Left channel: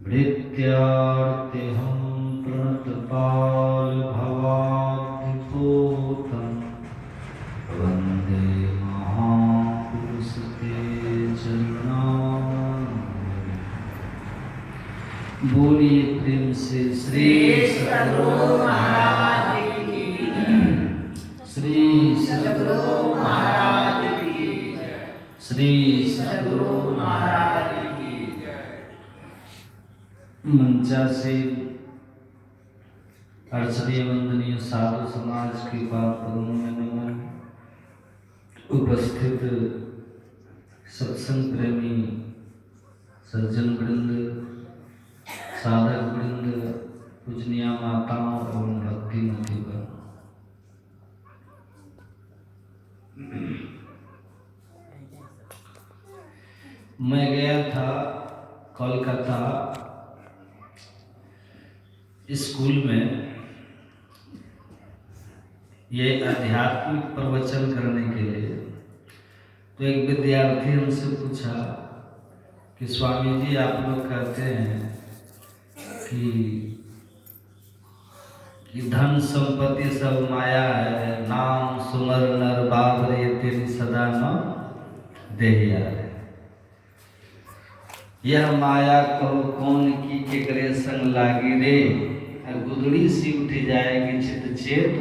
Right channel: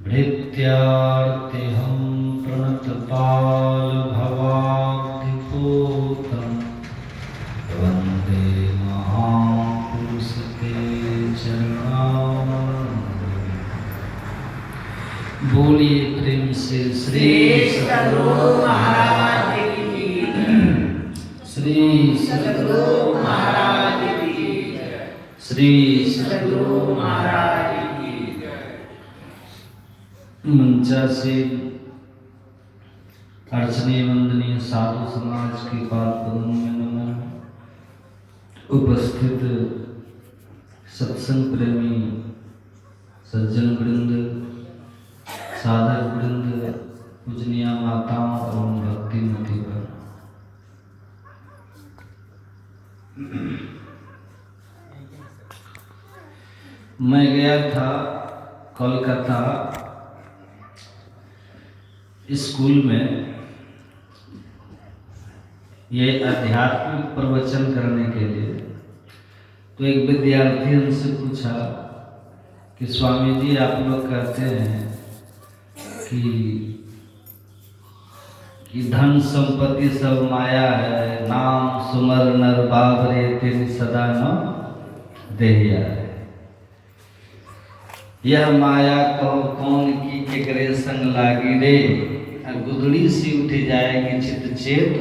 भृत्यार्तिहं प्रणतपालभवाब्धिपूतं वन्दे महापुरुषते चरणारविन्दं। बोलिए प्रेम से श्री सद्गुरु महाराज की जय। श्री सद्गुरु महाराज की जय। श्री सद्गुरु महाराज की जय। मंचा से अर्चनीय वंदनीय साधु समाज के पाद पद्मों में नमन। उपस्थित सत्संग प्रेमी सज्जन वृंद, साधक वृंद, पूजनीय माताओं एवं भक्तिमती पर मैं गया था कोलकाता स्कूल में ये आध्यात्मिक प्रवचन करने के लिए। तो एक विद्यार्थी हमसे पूछा कि स्वामी जी आप लोग कहते हैं कि धन संपत्ति सब माया है, नाम सुमर नर बाबरे तेरी सदा न देहिया है। यह माया कहो कौन की केकरे संग लागी रे, गुदड़ी सी उठी जाएगी चित चेत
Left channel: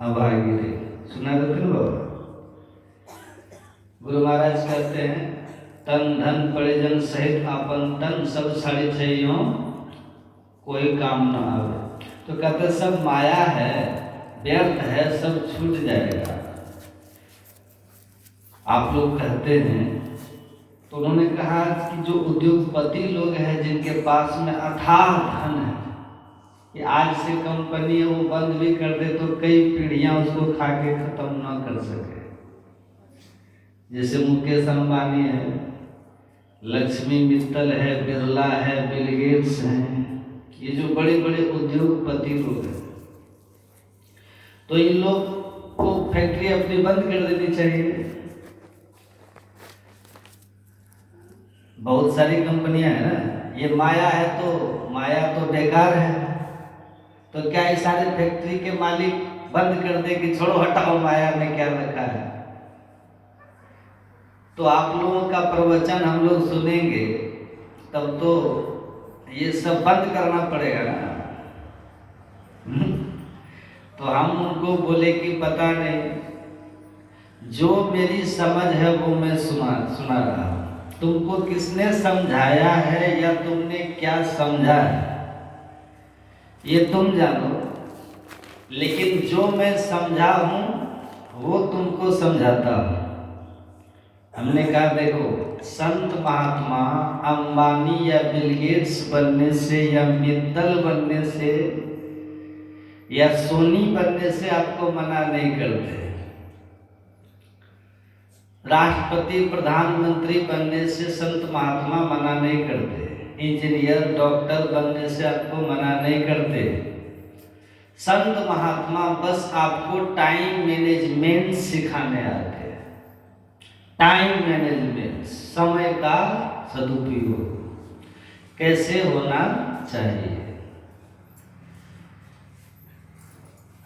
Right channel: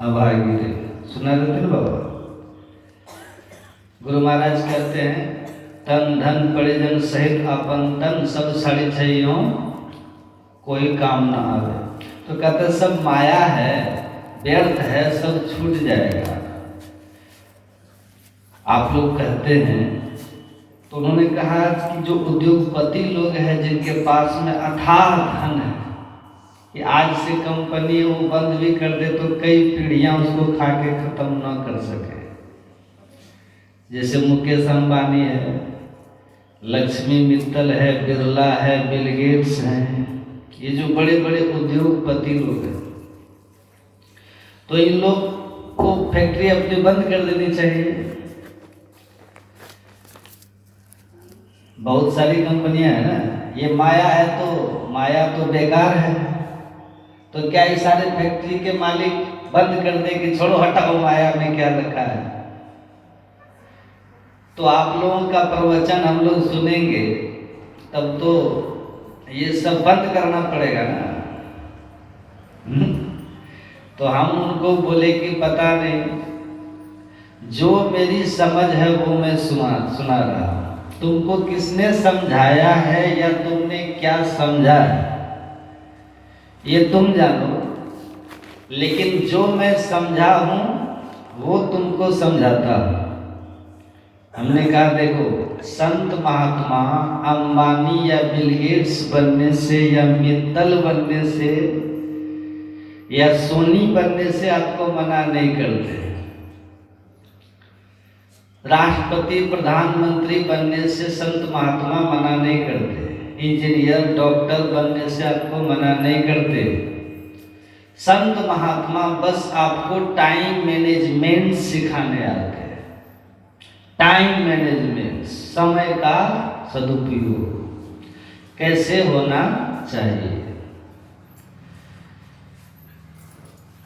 अभागी रे। सुना करते ना बाबा। गुरु महाराज कहते हैं तन धन परिजन सहित अपन तन सब साड़ी चाहिए कोई काम ना आवे। तो कहते सब माया है, व्यर्थ है, सब छूट जाएगा। आप लोग कहते हैं। तो उन्होंने कहा कि जो उद्योगपति लोग हैं जिनके पास में अथाह धन है कि आज से कंपनी वो बंद भी कर दे तो कई पीढ़ियां उसको खा के खत्म ना कर सके। जैसे मुकेश अंबानी है, लक्ष्मी मित्तल है, बिरला है, बिल गेट्स हैं, ये जो बड़े बड़े उद्योगपति लोग हैं। तो इन लोग को फैक्ट्री अपनी बंद कर देनी चाहिए। बहुत सारी कंपनियां हैं ना, ये माया है तो माया तो बेकार है। तो क्या ये सारे फैक्ट्री के मालिक बंद कर दे कि छोड़ो हटाओ, माया में क्या रखा है। तो आप लोगों का प्रवचन हम लोग सुनेंगे तब तो ये सब बंद करना पड़ेगा ना। तो हम उनको बोले कि पता नहीं, जो मेरी समझ है वो मैं सुना रहा। तुमको किसने समझाया है या तुमने क्या समझा है ये तुम जानो, लेकिन जो मैं समझा हूं वो तुमको समझाता हूं। हमने कहा देखो, संत महात्मा अंबानी या बिल गेट्स बनने से या मित्तल बनने से या सोनी बनने से आपको मना नहीं करते। राष्ट्रपति प्रधानमंत्री बनने से संत महात्मा मना नहीं करते। इंजीनियर डॉक्टर बनने से आपको मना नहीं करते। संत महात्मा बस आपको टाइम मैनेजमेंट सिखाने आते हैं। टाइम मैनेजमेंट, समय का सदुपयोग कैसे होना चाहिए।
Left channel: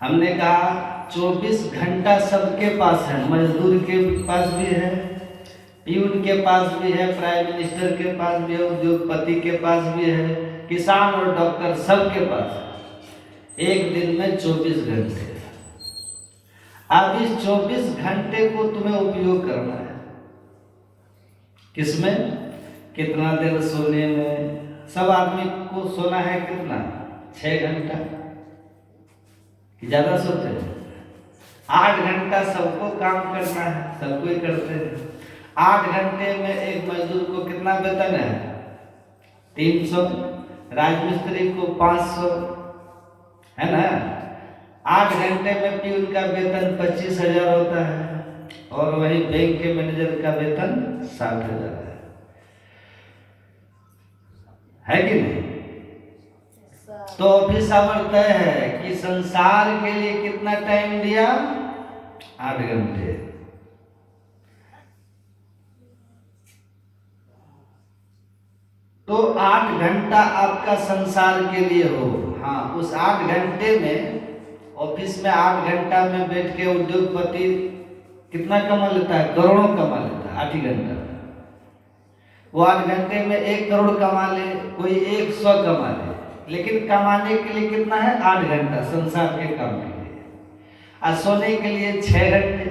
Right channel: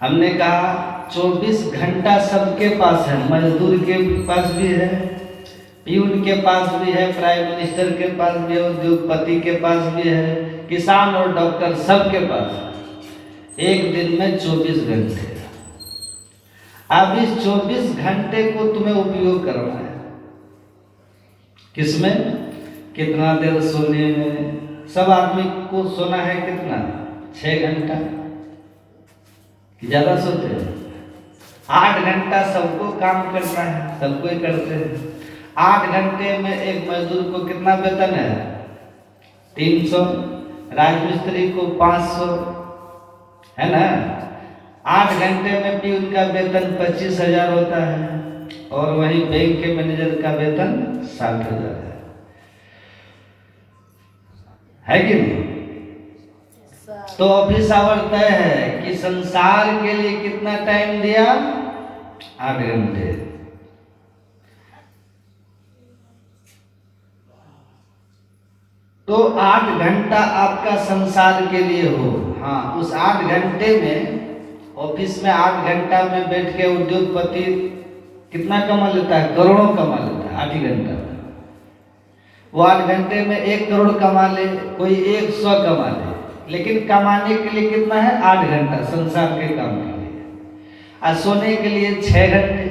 हमने कहा 24 घंटा सबके पास है, मजदूर के पास भी है, पीयून के पास भी है, प्राइम मिनिस्टर के पास भी है, उद्योगपति के पास भी है, किसान और डॉक्टर सबके पास है। एक दिन में 24 घंटे। अब इस 24 घंटे को तुम्हें उपयोग करना है। किसमें? कितना देर सोने में? सब आदमी को सोना है कितना? 6 घंटा कि ज्यादा सोते हैं? 8 घंटा सबको काम करना है, सबको ही करते हैं। 8 घंटे में एक मजदूर को कितना वेतन है? 300। राजमिस्त्री को 500, है ना। 8 घंटे में पीयून का वेतन 25,000 होता है और वहीं बैंक के मैनेजर का वेतन 60,000 है कि नहीं। तो ऑफिस आवर तय है कि संसार के लिए कितना टाइम दिया? 8 घंटे। तो 8 घंटा आपका संसार के लिए हो। हाँ, उस 8 घंटे में ऑफिस में 8 घंटा में बैठ के उद्योगपति कितना कमा लेता है? करोड़ों कमा लेता है 8 ही घंटा में। वो 8 घंटे में 1 करोड़ कमा ले, कोई 100 कमा ले, लेकिन कमाने के लिए कितना है? 8 घंटा संसार के काम के लिए। और सोने के लिए 6 घंटे,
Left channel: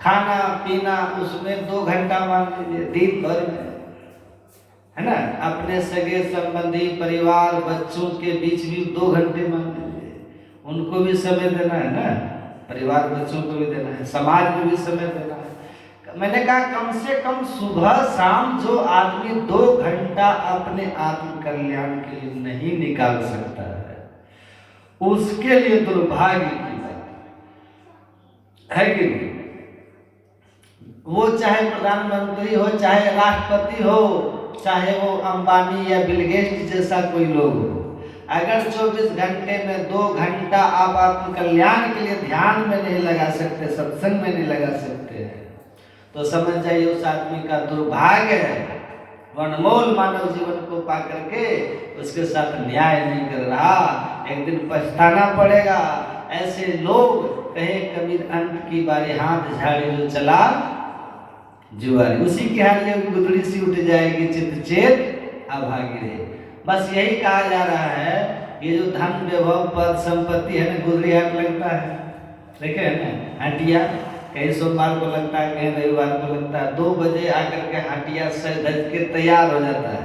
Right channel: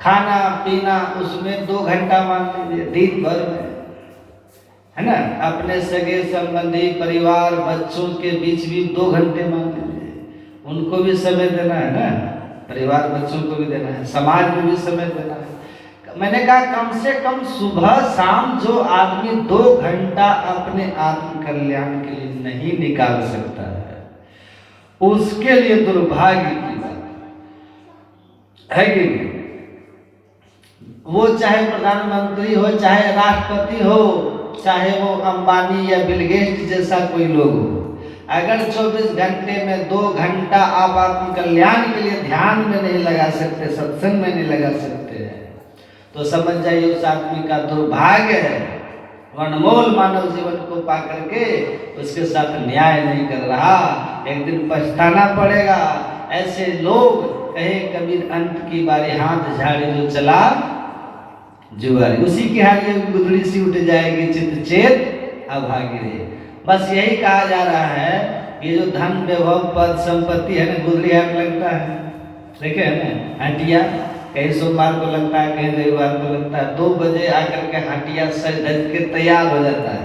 खाना पीना उसमें 2 घंटा मान लीजिए दिन भर में, है ना। अपने सगे संबंधी परिवार बच्चों के बीच भी 2 घंटे मान लीजिए, उनको भी समय देना है ना, परिवार बच्चों को भी देना है, समाज में भी समय देना है। मैंने कहा कम से कम सुबह शाम जो आदमी 2 घंटा अपने आत्म कल्याण के लिए नहीं निकाल सकता है, उसके लिए दुर्भाग्य की बात है कि नहीं? वो चाहे प्रधानमंत्री हो, चाहे राष्ट्रपति हो, चाहे वो अंबानी या बिल गेट्स जैसा कोई लोग हो, अगर 24 घंटे में 2 घंटा आप आत्म कल्याण के लिए ध्यान में नहीं लगा सकते, सत्संग में नहीं लगा सकते हैं, तो समझ जाइए उस आदमी का दुर्भाग्य है। वो अनमोल मानव जीवन को पा करके उसके साथ न्याय नहीं कर रहा, एक दिन पछताना पड़ेगा। ऐसे लोग कहे कबीर अंत की बारी हाथ झाड़े जो चला जुआरी, उसी की हालियों की गुदड़ी सी उठ जाएगी चित चेत अभागे। बस यही कहा जा रहा है, ये जो धन वैभव पद संपत्ति है ना, गुदड़ी हाथ लगता है, देखे ना हटिया, कहीं सोमवार को लगता है, कहीं रविवार को लगता है। 2 बजे आकर के हटिया सज धज के तैयार हो जाता है,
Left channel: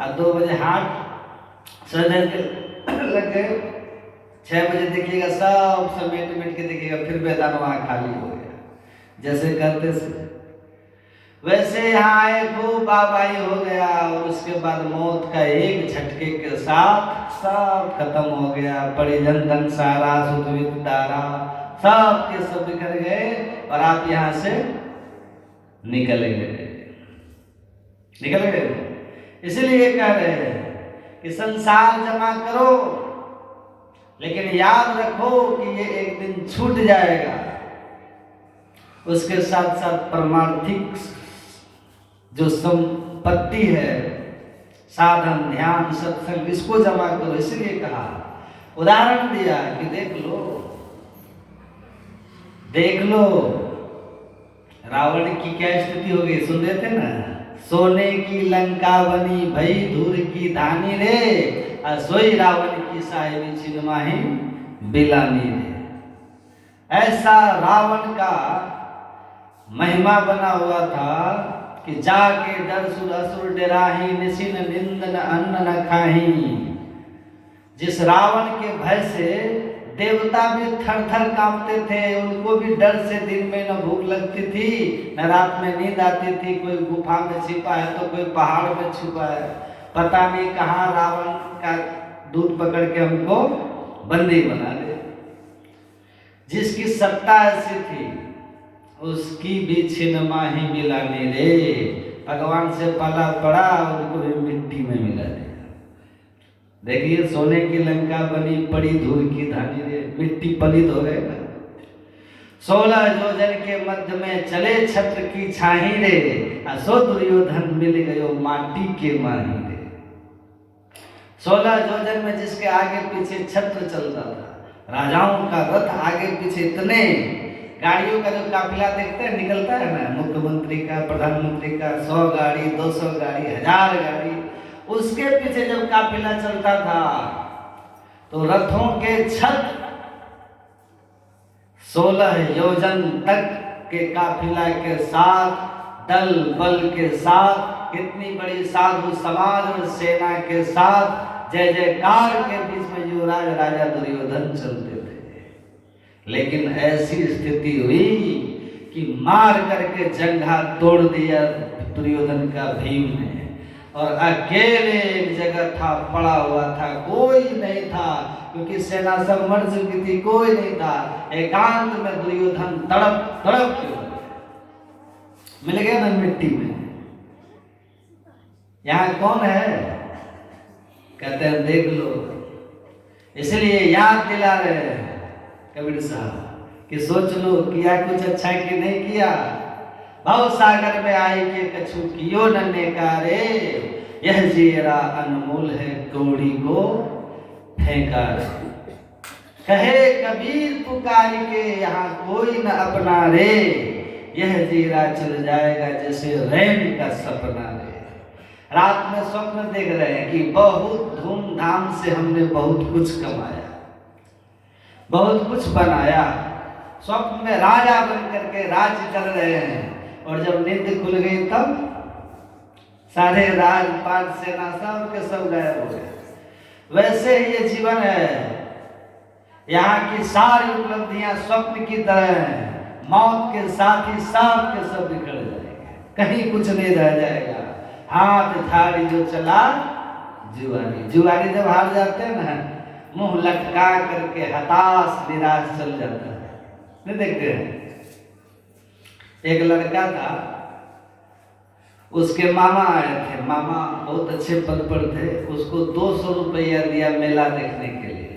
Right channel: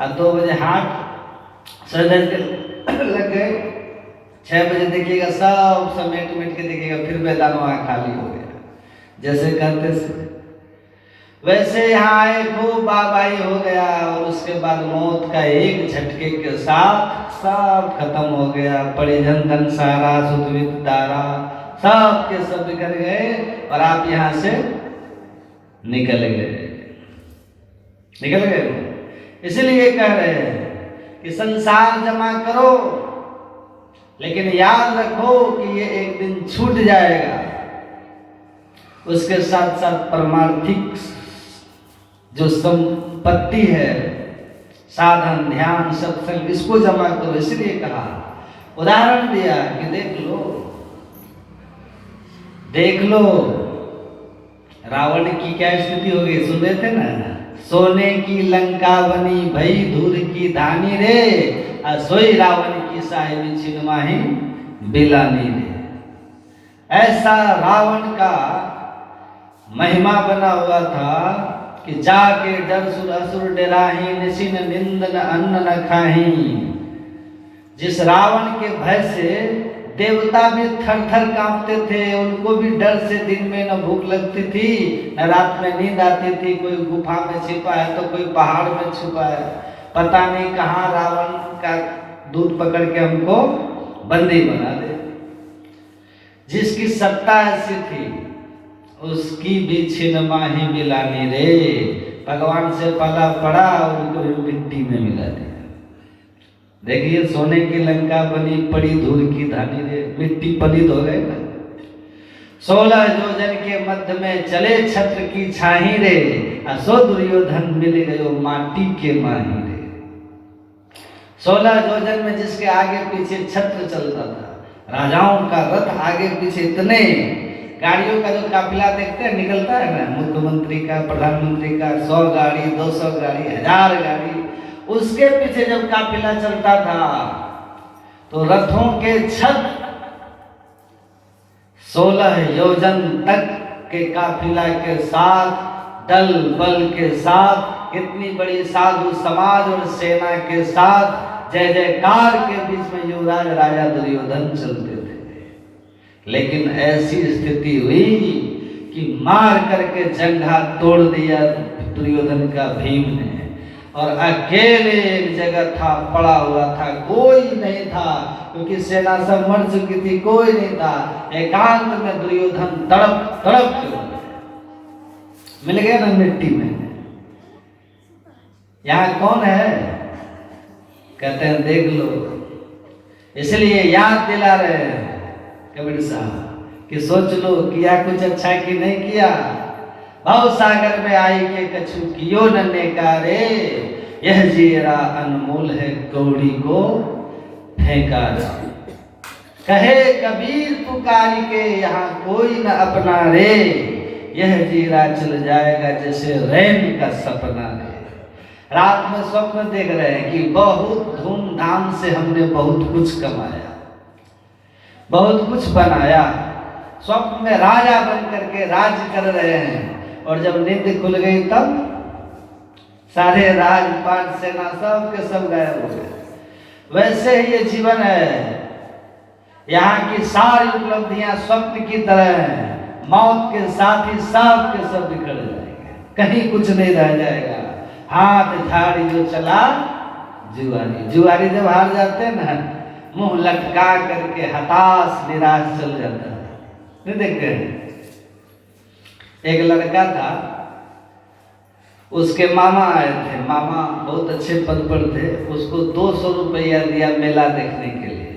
और 2 बजे हाथ सज धज के लग गए, 6 बजे देखिएगा सब समेट मेट के देखिएगा, फिर मैदान वहाँ खाली हो गया। जैसे करते से वैसे यहाँ आए, खूब बाबाई हो गया, और उसके बाद मौत का एक झटके के साथ सब खत्म हो गया। परिजन धन सारा सुधवित दारा सब के सब बिखर गए, और आप यहाँ से निकल गए। इसलिए कह रहे हैं कि संसार जमा करो, लेकिन याद रखो कि ये एक दिन छूट जाएगा। उसके साथ साथ परमार्थिक जो संपत्ति है, साधन ध्यान सत्संग, इसको जमा करो। इसलिए कहा, उदाहरण दिया कि देख लो रावण की क्या स्थिति हो गई, सुन रहे थे ना? सोने की लंका बनी भई धूल की धानी रे, सोई रावण की साहिबी छिनमाही बिलानी रे। ऐसा रावण का महिमा बना हुआ था कि जाके डर सुर असुर डराही, निशिन निंदन अन्न न खाही। जिस रावण के भय से देवता भी थर थर कांपते थे, उनको भी डर से दिन में न भूख लगती थी, न रात में नींद आती थी। कोई गुफा में छिपा है तो कोई पहाड़ में छुपा है, पता नहीं कहाँ रावण का दूध पकड़ के हमको बंदी बना दे। जिसकी सत्ता ऐसी थी, उसकी भी छिनमाही मिलानी रे। भगवान से पाला पड़ा, उनको भी मिट्टी में मिला दिया। देखिए, सोने की लंका बनी पड़ी धूल की धानी रे, मिट्टी पलित हो गए ना। 16 योजन के मध्य में चले छत्र की छाही रे, असो दुर्योधन मिल गयो माटी के माही रे। 16 योजन में जिसके आगे पीछे छत्र चलता था, राजाओं का रथ आगे पीछे, इतने गाड़ियों का जो काफिला देखते हैं निकलता है ना, मुख्यमंत्री का, प्रधानमंत्री का, 100 गाड़ी 200 गाड़ी 1000 गाड़ी, उसके पीछे जब काफिला चलता था तो रथों के छत 16 योजन तक के काफिला के साथ, दल बल के साथ, कितनी बड़ी साधु समाज और सेना के साथ जय जयकार के बीच में युवराज राजा दुर्योधन चलते थे। लेकिन ऐसी स्थिति हुई कि मार करके जंघा तोड़ दिया दुर्योधन का भीम ने, और अकेले जगह था, पड़ा हुआ था, कोई नहीं था, क्योंकि सेना सब मर चुकी थी, कोई नहीं था। एकांत में दुर्योधन तड़प तड़प के मिल गया ना मिट्टी में। यहाँ कौन है? कहते हैं देख लो। इसलिए याद दिला रहे हैं कबीर साहब कि सोच लो किया कुछ अच्छा कि नहीं किया। भव सागर में आई के कछु कियो न नेकारे, यह जीरा अनमोल है कौड़ी को फेंका। कहे कबीर पुकारी के यहाँ कोई न अपना रे, यह जीरा चल जाएगा जैसे रैन का सपना रे। रात में स्वप्न देख रहे हैं कि बहुत धूमधाम से हमने बहुत कुछ कमाया, बहुत कुछ बनाया, स्वप्न में राजा बन करके राज कर रहे हैं, और जब नींद खुल गई तब सारे राजपाट सेना सब के सब गायब हो गए। वैसे ही ये जीवन है, यहाँ की सारी उपलब्धियां स्वप्न की तरह हैं, मौत के साथ ही सब के सब बिखर जाएंगे, कहीं कुछ नहीं रह जाएगा। हाथ झाड़ी जो चला जुआरी, जुआरी जब हार जाते हैं ना, मुंह लटका करके हताश निराश चल जाता है। नहीं देखते हैं, एक लड़का था, उसके मामा आए थे, मामा बहुत अच्छे पद पर थे, उसको 200 रुपया दिया मेला देखने के लिए।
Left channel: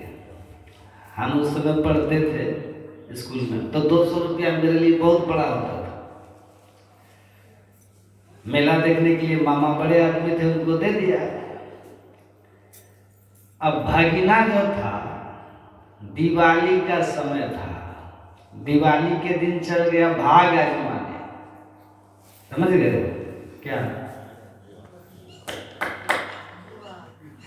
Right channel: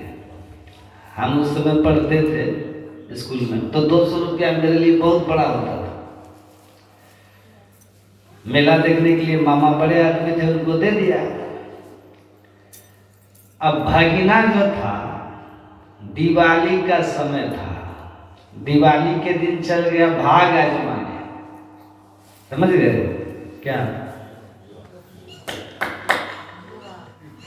हम उस समय पढ़ते थे स्कूल में, तो 200 रुपया मेरे लिए बहुत बड़ा होता था। मेला देखने के लिए मामा बड़े आदमी थे, उनको दे दिया। अब भागिना जो था, दिवाली का समय था, दिवाली के दिन चल गया भाग आजमाने, समझ गए क्या?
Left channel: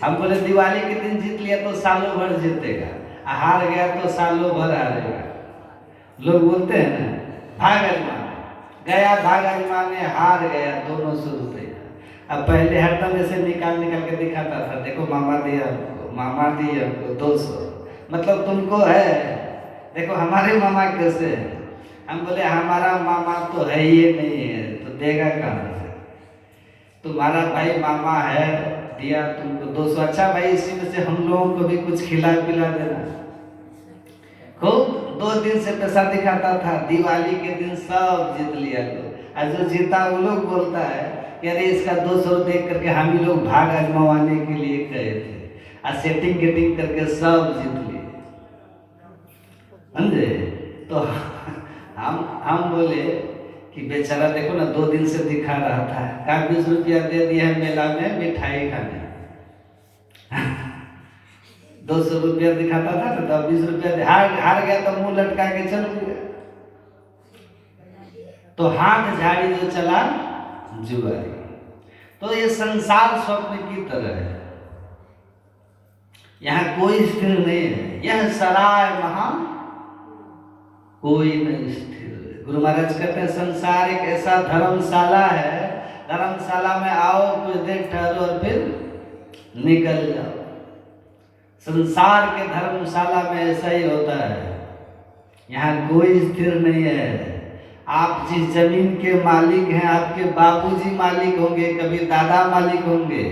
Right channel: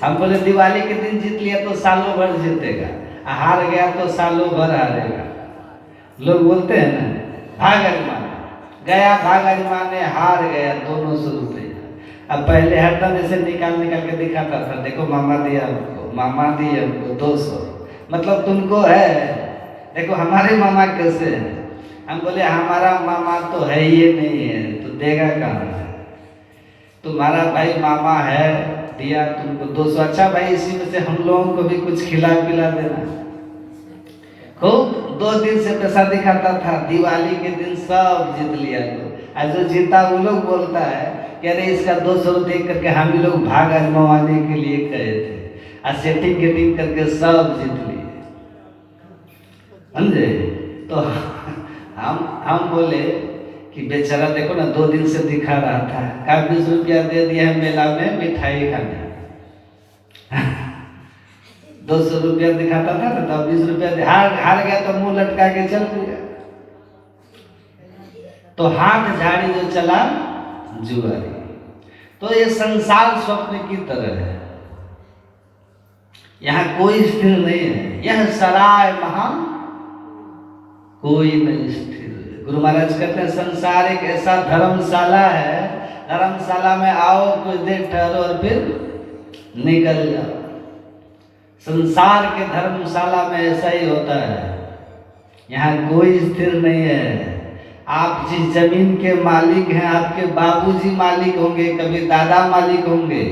हम बोले दिवाली के दिन जीत लिया तो सालों भर जीतेगा, हार गया तो सालों भर हारेगा। लोग बोलते हैं ना, भाग आजमाने गया, भाग आजमाने हार गया 200 रुपये। अब पहले हरदम जैसे निकाल के दिखाता था, देखो मामा दिया हमको, मामा दिया हमको 200, मतलब तुमको है, देखो हमारे मामा कैसे है। हम बोले हमारा मामा तो है ही नहीं है, तो देगा कहाँ से? तुम्हारा भाई मामा है, दिया तुमको 200, अच्छा भाई इसी में से हम लोगों को भी कुछ खिला पिला देना। खूब 2 दिन से पैसा दिखाता था, दिवाली के दिन सब जीत लिया लोग। आज जो जीता वो लोग बोलता है कि अरे इसका 200 देख करके हम भी लोग भाग आजमाने के लिए गए थे, और सेटिंग गेटिंग करके सब जीत लिए, समझे? तो हम बोले कि बेचारा देखो ना 2 दिन से दिखा रहा था, का 20 रुपया दे दिया है मेला में मिठाई खाने। 200 रुपया दिखाता था तो 20 रुपया हार गया तो मुंह लटका के चल गया। तो हाथ झाड़ी जो चला जुआरी। तो ये संसार स्वप्न की तरह है, यहाँ कोई स्थिर नहीं है। यह सराय महान कोई नहीं स्थिर। गुरु महाराज कहते हैं संसार एक ऐसा धर्मशाला है, धर्मशाला में आओ, कुछ देर ठहरो और फिर निकल जाओ। संसार के धर्मशाला में ऐसा ही होता है, यहाँ कोई स्थिर नहीं है। आप जिस जमीन के मालिक हैं, आपके बाबूजी मालिक होंगे, कभी दादा मालिक होंगे।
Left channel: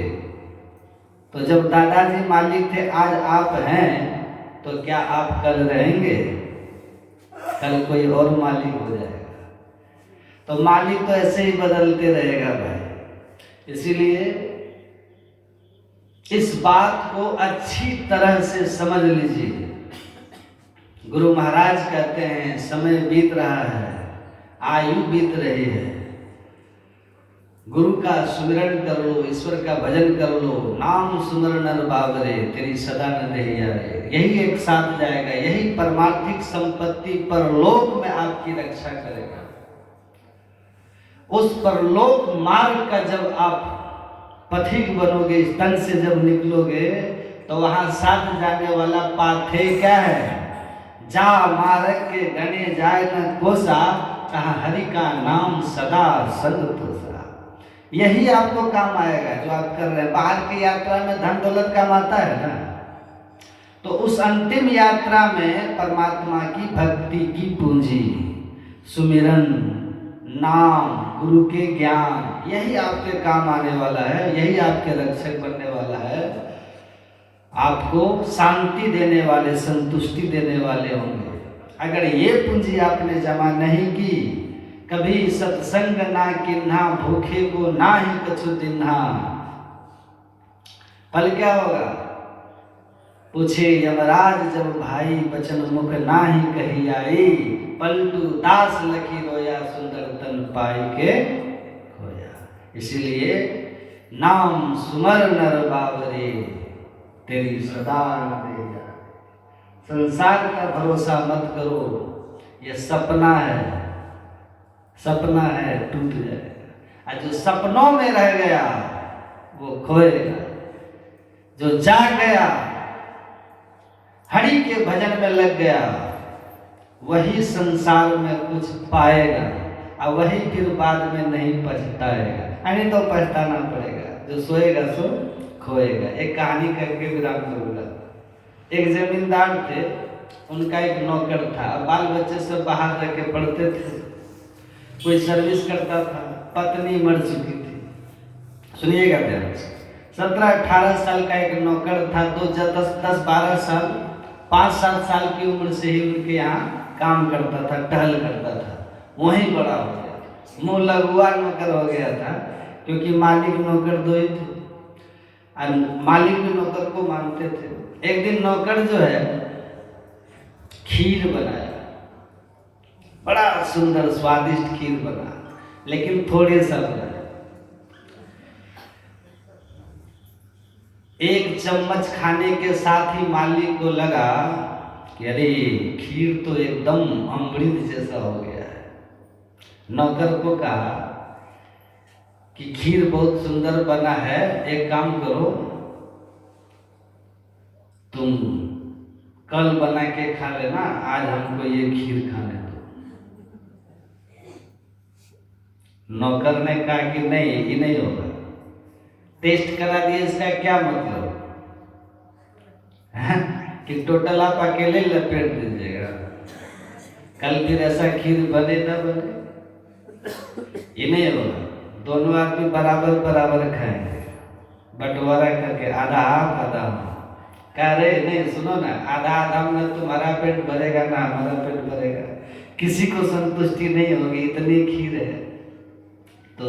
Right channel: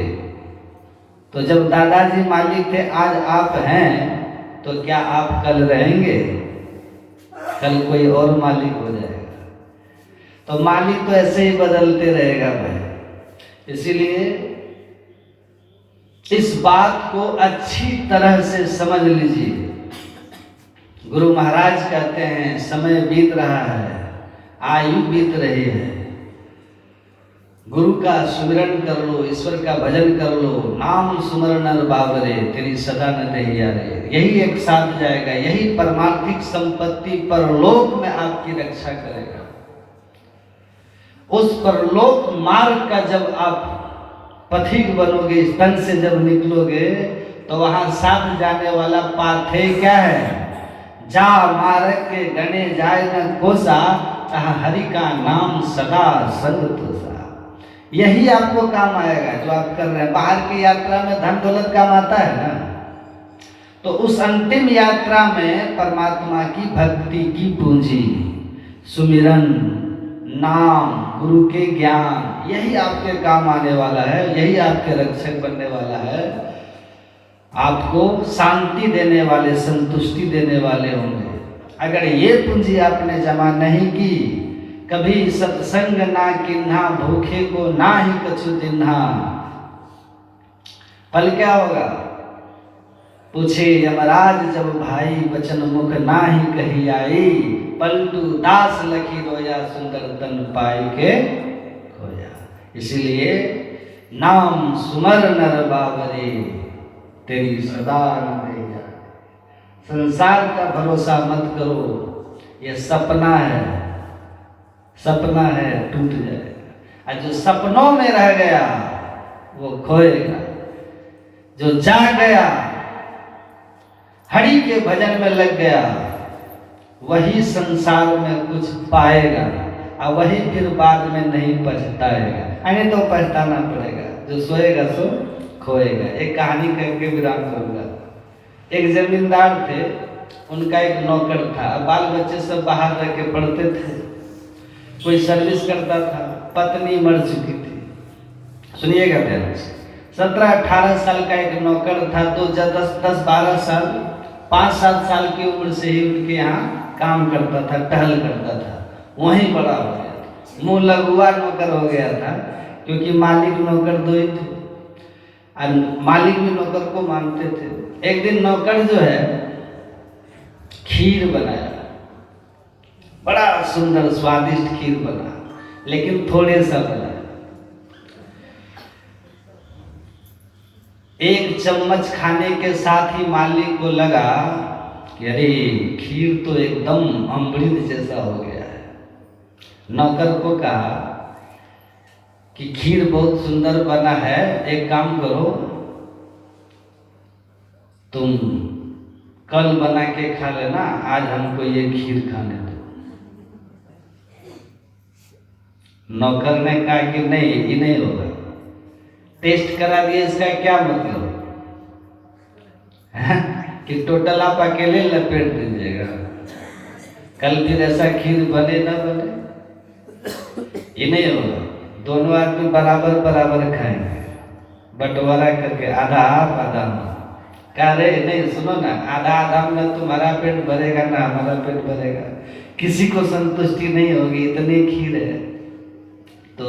तो जब दादाजी मालिक थे, आज आप हैं, तो क्या आप कल रहेंगे? कल कोई और मालिक हो जाएगा। तो मालिक तो ऐसे ही बदलते रहेगा भाई। इसीलिए इस बात को अच्छी तरह से समझ लीजिए। गुरु महाराज कहते हैं समय बीत रहा है, आयु बीत रही है, गुरु का सुमिरन कर लो, ईश्वर का भजन कर लो, नाम सुमर नर बावरे, तेरी सदा न रहिया रे। यही एक साथ जाएगा, यही परमार्थिक संपत्ति परलोक में आपकी रक्षा करेगा। उस परलोक मार्ग का जब आप पथिक बनोगे, इस तन से जब निकलोगे, तो वहां साथ जाने वाला पाथेय क्या है? जा मार्ग के गणे जाए न कोसा, कहा हरि का नाम सदा संग तोसा। यही आपको काम आएगा जो आप कर रहे हैं। बाहर की यात्रा में धन दौलत काम आता है ना, तो उस अंतिम यात्रा में परमात्मा की भक्ति की पूंजी, सुमिरन, नाम, गुरु के ज्ञान, यही आपके काम आने वाला है, यही आपके रक्षक बनने वाला है, आपको शांति देने वाले, संतुष्टि देने वाले होंगे। अगर ये पूंजी आपने जमा नहीं की, कभी सत्संग ना किन्हा, भूखे को ना ही कछु दिन्हा, फल क्या होगा? पूछे यमराज जब भाई, वचन मुख ना ही कही आई, पलटू दास लखी रोया सुंदर तन तन पाई के खोया। इसीलिए नाम सुमर नर बाबरे, तेरी सदा न दे जा। संसार का भरोसा मत करो, ये सपना है, सपना है, टूट जाएगा। और जो सपनों में रह गया वो खोएगा, जो जाग गया हरि के भजन में लग गया वही संसार में कुछ पाएगा, और वही फिर बाद में नहीं पछताएगा। यानी तो पछताना पड़ेगा, जो सोएगा सो खोएगा। एक कहानी करके विराम करूंगा। एक जमींदार थे, उनका एक नौकर था, बाल बच्चे सब बाहर रह के पढ़ते थे, कोई सर्विस करता था, पत्नी मर चुकी थी। सुनिएगा ध्यान से, 17-18 साल का एक नौकर था, तो 10-12 साल 5-7 साल की उम्र से ही उनके यहाँ काम करता था, टहल करता था, वहीं बड़ा हो गया था। मुँह लगुआ नौकर हो गया था, क्योंकि मालिक नौकर दो ही थे और मालिक भी नौकर को मानते थे। एक दिन नौकर जो है खीर बनाया, बड़ा सुंदर स्वादिष्ट खीर बना, लेकिन थोड़े सा बनाया। एक चम्मच खाने के साथ ही मालिक को लगा कि अरे खीर तो एकदम अमृत जैसा हो गया है। नौकर को कहा कि खीर बहुत सुंदर बना है, एक काम करो, तुम कल बना के खा लेना, आज हमको ये खीर खाने दो। नौकर ने कहा कि नहीं, ये नहीं होगा। टेस्ट करा दिए, इसका क्या मतलब है कि टोटल आप अकेले लपेट दीजिएगा, कल फिर ऐसा खीर बने ना बने, ये नहीं होगा। दोनों आदमी बराबर बराबर खाएंगे, बंटवारा करके, आधा आप आधा हम। कह रहे नहीं, सुनो ना, आधा आधा में तुम्हारा पेट भरेगा ना हमारा पेट भरेगा, किसी को संतुष्टि नहीं होगी, इतनी खीर है, तो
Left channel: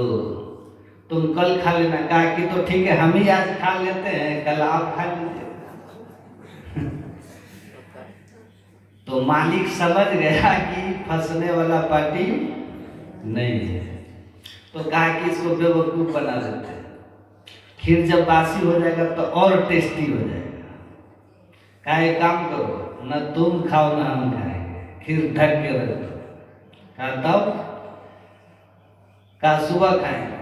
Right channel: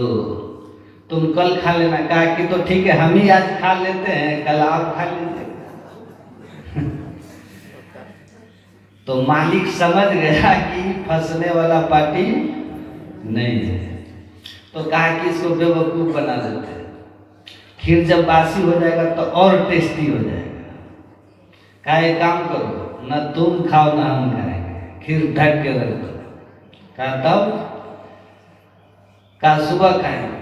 तुम कल खा लेना। कहा कि तो ठीक है, हम ही आज खा लेते हैं, कल आप खा लीजिए। तो मालिक समझ गया कि फंसने वाला पार्टी नहीं है, तो कहा कि इसको बेवकूफ बना देते हैं, खीर जब बासी हो जाएगा तो और टेस्टी हो जाएगा। कहा एक काम करो, न तुम खाओ ना हम खाएंगे, खीर ढक के रख दो। कहा तब? कहा सुबह खाएंगे।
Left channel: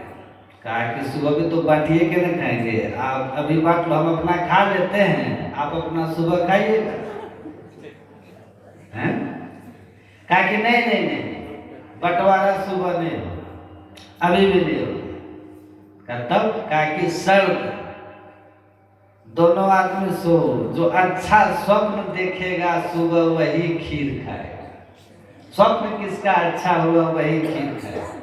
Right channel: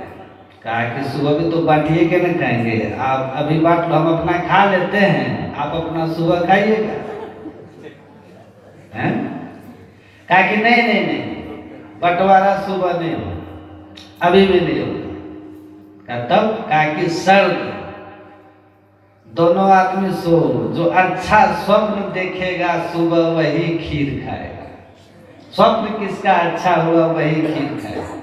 कहा कि सुबह भी तो बांटिए के न खाएंगे, आप अभी बांट लो, हम अपना खा लेते हैं, आप अपना सुबह खाइएगा। हैं? कहा कि नहीं नहीं नहीं, बंटवारा सुबह नहीं हो, अभी भी नहीं हो। कहा तब? कहा कि शर्त, दोनों आदमी सो, जो अच्छा स्वप्न देखेगा सुबह वही खीर खाएगा। स्वप्न किसका अच्छा हुआ वही खीर खाएगा।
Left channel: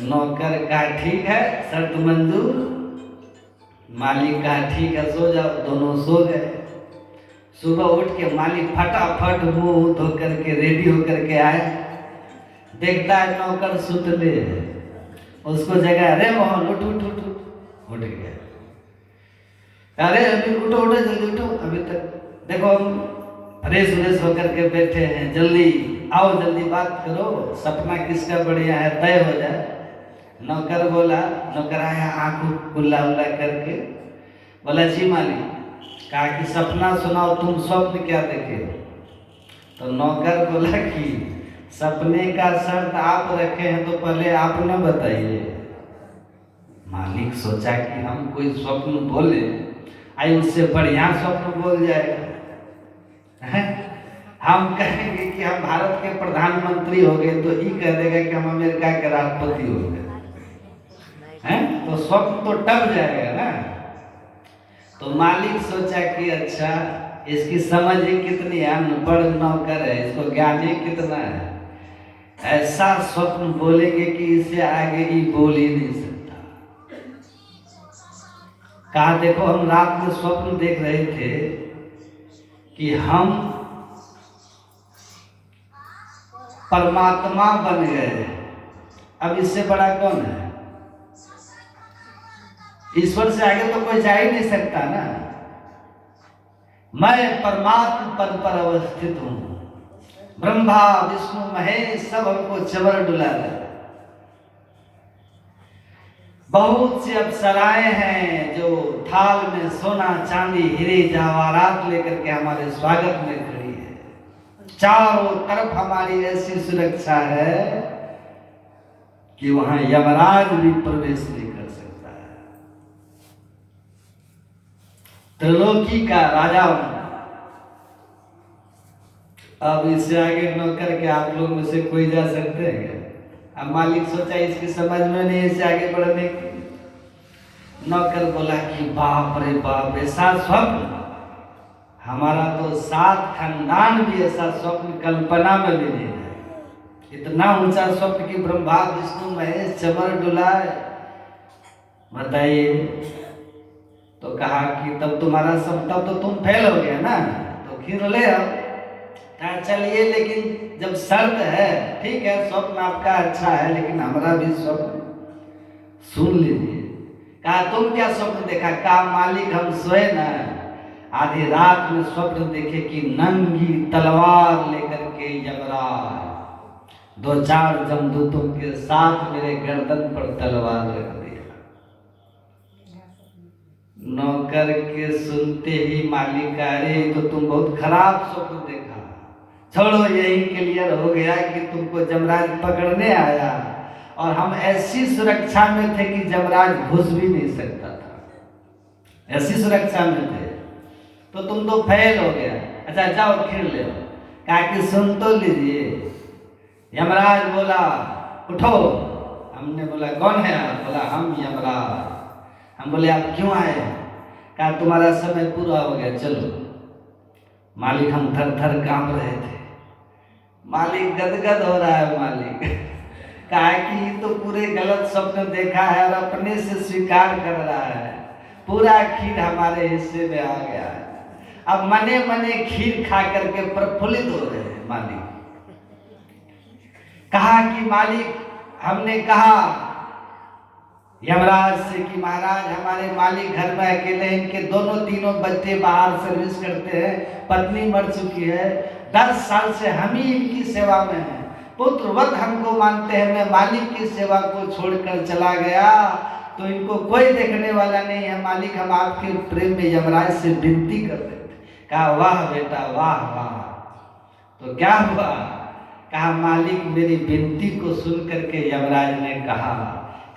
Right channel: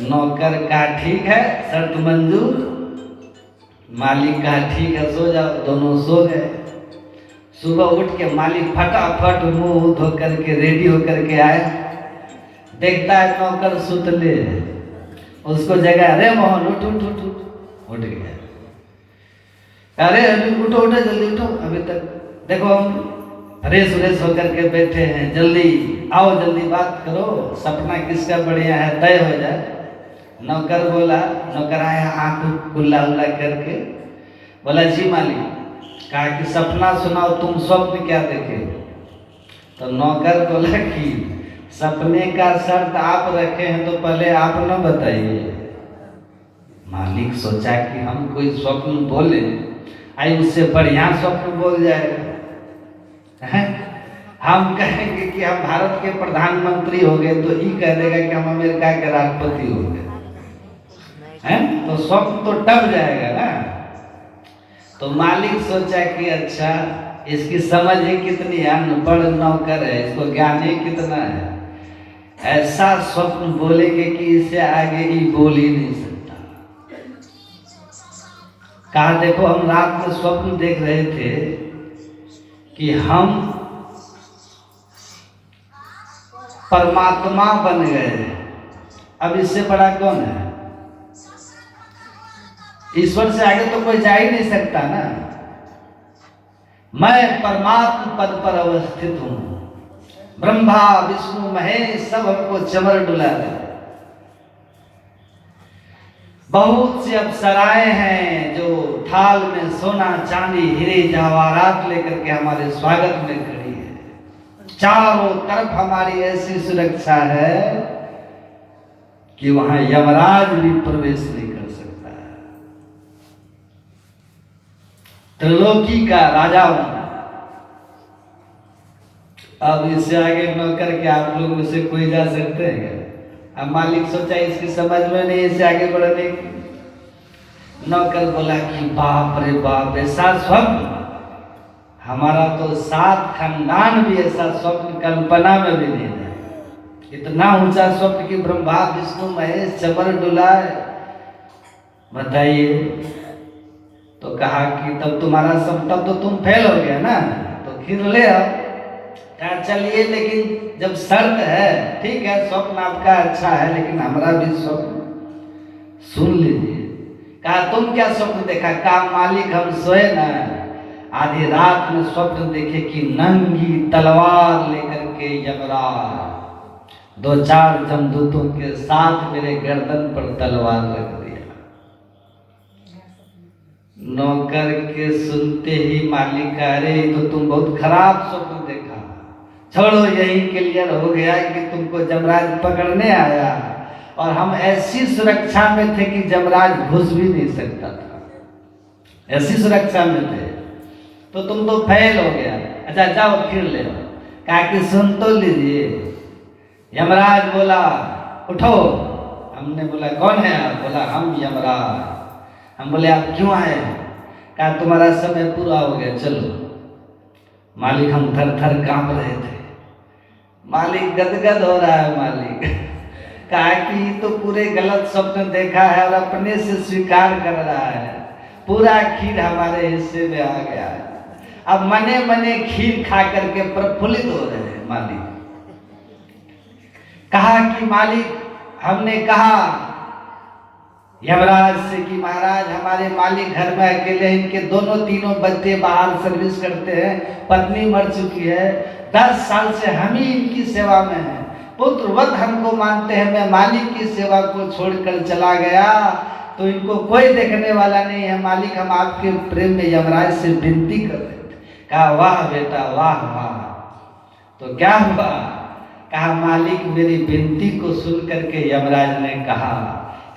नौकर कहा ठीक है, शर्त मंजूर। मालिक कहा ठीक है, सो जाओ। दोनों सो गए। सुबह उठ के मालिक फटाफट मुंह धो करके रेडी होकर के आया, देखता है नौकर सुतले, उसको जगह, अरे मोहन उठ उठ उठ उठ गया। अरे अभी उठो उठो, जल्दी उठो, अभी तक देखो हम फ्रेश व्रेश होकर के बैठे हैं, जल्दी आओ, जल्दी बात करो, सपना किसका बढ़िया है तय हो जाए। नौकर बोला, नौकर आया आंख खुला उला करके, बोला जी मालिक। कहा कि सपना सुनाओ, तुम स्वप्न क्या देखे? तो नौकर बोला कि सपने का शर्त आप रखे हैं तो पहले आप न बताइए। मालिक सोचा कि हम कोई स्वप्न बोले, आई उससे बढ़िया स्वप्न बोल जाएगा है? हम कहेंगे कि हम भारत के प्रधानमंत्री हो गए, तो ये कह देगा कि हम अमेरिका के राष्ट्रपति हो गए हैं, तो स्वप्न तो टल जाएगा ना। तो मालिक सोचा कि अच्छा, इसकी समझ ही कितनी है, अनपढ़ नौकर है, इसको ज्ञान ही कितना है, ऐसा स्वप्न बोलेंगे कि इससे आगे ही बोल ही नहीं सकता। कहा देखो, हम रात में स्वप्न देख रहे थे कि हम परमात्मा बन गए, अब इससे बड़ा कौन है? ईश्वर से आगे तो कोई जा ही नहीं सकता ना। मैं परमात्मा पद पर अवस्थित हूं, ब्रह्मा विष्णु महेश सब हमको चवर डुला रहे। बहुत सी अप्सराएं हैं जो थाल में सोना चांदी हीरे जवाहरात लेकर के हमारे स्वागत में खड़ी है। चारों तरफ हमारी ऐसी सुरक्षा है कि वहां यमराज भी प्रवेश नहीं कर सकता है। त्रिलोकी का राजा हूं। अब इससे आगे नौकर के आप लोग में से कोई जा सकते हैं क्या? अब मालिक सोचा इसकी समझ में नहीं इससे आगे बढ़ने की। नौकर बोला कि बाप रे बाप, ऐसा स्वप्न हमारा तो 7 खानदान भी ऐसा स्वप्न कल्पना में भी नहीं है। इतना ऊंचा स्वप्न कि ब्रह्मा विष्णु महेश चवर डुलाए, बताइए। तो कहा कि तब तुम्हारा सब, तब तो तुम फेल हो गया ना, तो फिर ले आओ। कहा चलिए, लेकिन जब शर्त है, ठीक है स्वप्न आपका अच्छा है लेकिन हमारा भी स्वप्न सुन लीजिए। कहा तुम क्या स्वप्न देखा? कहा मालिक हम सोए ना, आधी रात में स्वप्न देखे कि नंगी तलवार लेकर के यमराज 2-4 जमदूतों के साथ मेरे गर्दन पर तलवार रख दिया। नौकर के सुनते ही मालिक, अरे तो तुम बहुत खराब स्वप्न देखा, छोड़ो यही क्लियर हो गया कि तुमको जमराज पकड़ने आया और हम ऐसी सुरक्षा में थे कि जमराज घुस भी नहीं सकता था, ऐसी सुरक्षा में थे, तो तुम तो फेल हो गया। अच्छा जाओ फिर ले। कहा कि सुन तो लीजिए। यमराज बोला उठो। हमने बोला कौन है आप? बोला हम यमराज। हम बोले आप क्यों आए? कहा तुम्हारा समय पूरा हो गया, चलो। मालिक हम थर थर कांप रहे थे, मालिक गदगद हो रहा है। मालिक कहा कि तो पूरे गलत स्वप्न देखा है और अपने से स्वीकार कर रहा है, पूरा खीर हमारे हिस्से में आ गया है, अब मने मने खीर खा करके प्रफुल्लित हो रहे हैं। मालिक कहा कि मालिक, हमने कहा यमराज से कि महाराज हमारे मालिक घर में अकेले, इनके दोनों तीनों बच्चे बाहर सर्विस करते हैं, पत्नी मर चुकी है, 10 साल से हम ही इनकी सेवा में हैं, पुत्रवत हमको मानते हैं। मैं मालिक की सेवा को छोड़कर चला गया तो इनको कोई देखने वाला नहीं है। मालिक हम आपके प्रेम में यमराज से विनती करते थे। कहा वाह बेटा वाह वाह। तो क्या हुआ? कहा मालिक मेरी विनती को सुन करके यमराज ने कहा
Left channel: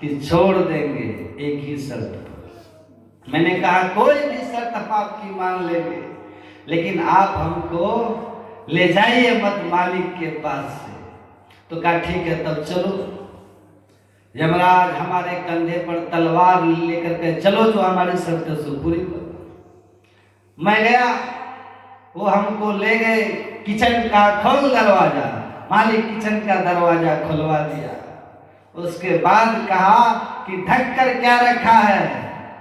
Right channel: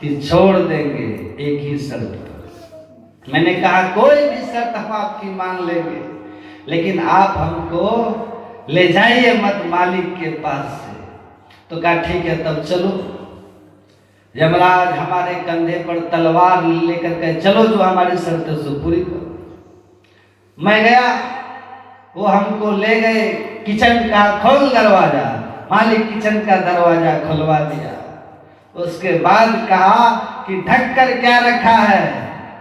कि छोड़ देंगे एक ही शर्त पर। मैंने कहा कोई भी शर्त हम आपकी मान लेंगे, लेकिन आप हमको ले जाइए मत मालिक के पास से। तो कहा ठीक है तब चलो। यमराज हमारे कंधे पर तलवार लेकर के चलो, जो हमारी शर्त है सो पूरी करो। मैं गया, वो हमको ले गए किचन का, खोल दरवाजा। मालिक किचन का दरवाजा खुलवा दिया। उसके बाद कहा कि ढक कर क्या रखा है?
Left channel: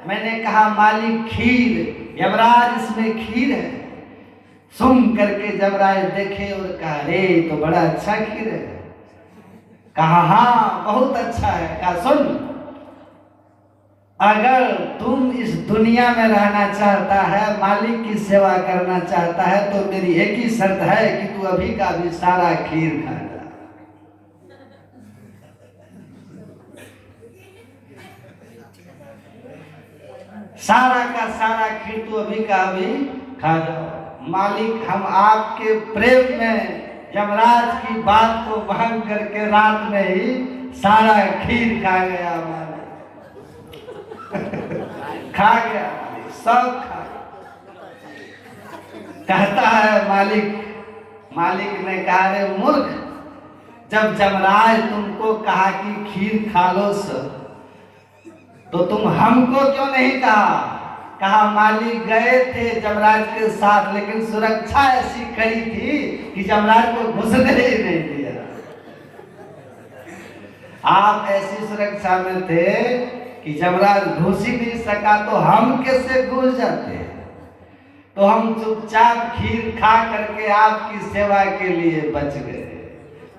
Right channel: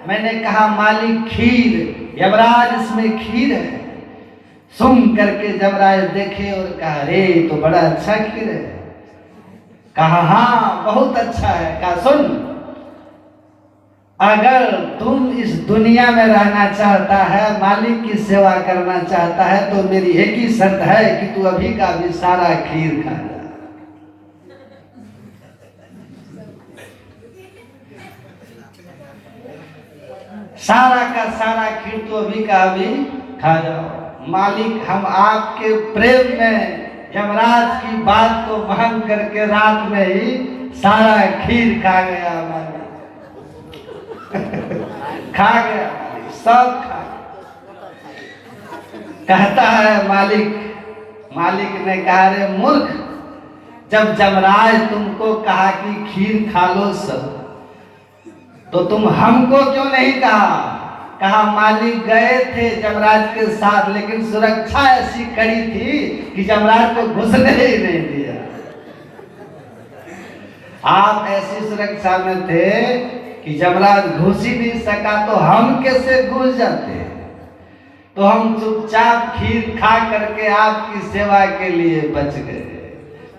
मैंने कहा मालिक खीर। यमराज इसमें खीर है। सुन करके यमराज देखे और कहा अरे तो बड़ा अच्छा खीर है। कहा हाँ बहुत अच्छा है। कहा सुन, अगर तुम इस दुनिया में रहना चाहता है, मालिक की सेवा करना चाहता है, तो मेरी एक ही शर्त है कि तू अभी का भी सारा खीर खा जा। सारा का सारा खीर तो अभी का अभी खा जाओ। मालिक हम आपके प्रेम में यमराज की बात को मान करके रात में ही सारा खीर खा गया। मालिक खा गया, सब खा गया। कहता है मालिक ने कहा रे मूर्ख, जब यमराज तुमको कहा कि खीर खा लो सब, तो तुम हमको क्यों नहीं कहा? कहा मालिक गए थे यमराज के साथ, लेकिन सुरक्षा ऐसी कड़ी थी कि यमराज को घुसने ही नहीं दिया। आप ऐसी सुरक्षा में थे कि यमराज घुस ही नहीं सका, तो हम कैसे घुस जाते? तो हम चुपचाप खीर खा करके आपकी सेवा के लिए बच गए।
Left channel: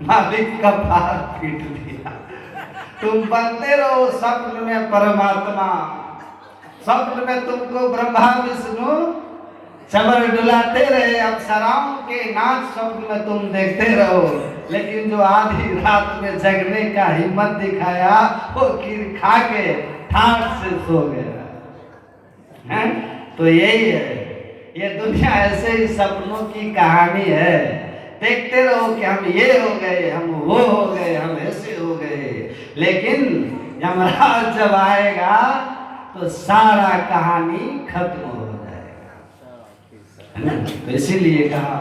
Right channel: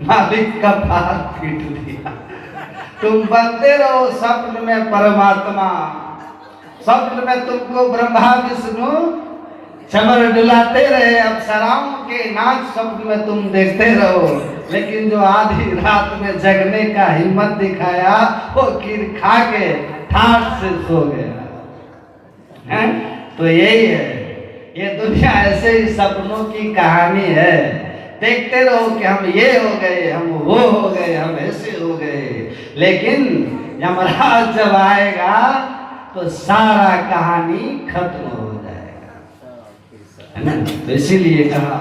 मालिक का पार पीट दिया। तुम बनते रहो स्वप्न में परमात्मा, स्वप्न में तुमको ब्रह्मा विष्णु चमर डुलाते रहे अप्सराओं के नाच स्वप्न में तुम देखते रहो, लेकिन जो आधी रात में जगने का हिम्मत दिखाया वो खीर खा के ठाठ से सो गया है? तो यही है, ये दुनिया ऐसे ही सपनों की कहानी है। देखते रहो कि हम ये हो गए, हम वो हो गए, हम ऐसे हो गए, लेकिन यमराज जब आएगा तो सारा कहानी खत्म हो जाएगा, है ना? तो इसीलिए कहा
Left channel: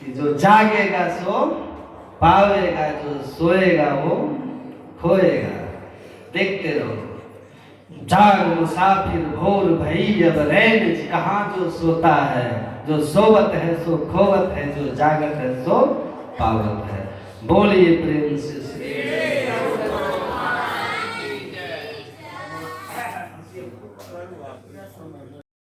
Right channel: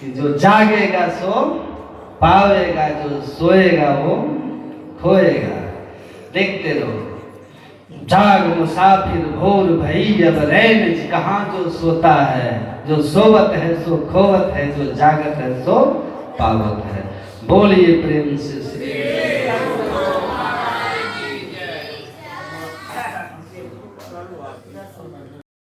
कि जो जागेगा सो पावेगा, जो सोएगा वो खोएगा। देखते रहो, जाग मुसाफिर भोर भई जब रैन, कहाँ जो सोता है, जो सोवत है सो खोवत है, जो जागत है सो पावत है। बोलिए प्रेम से श्री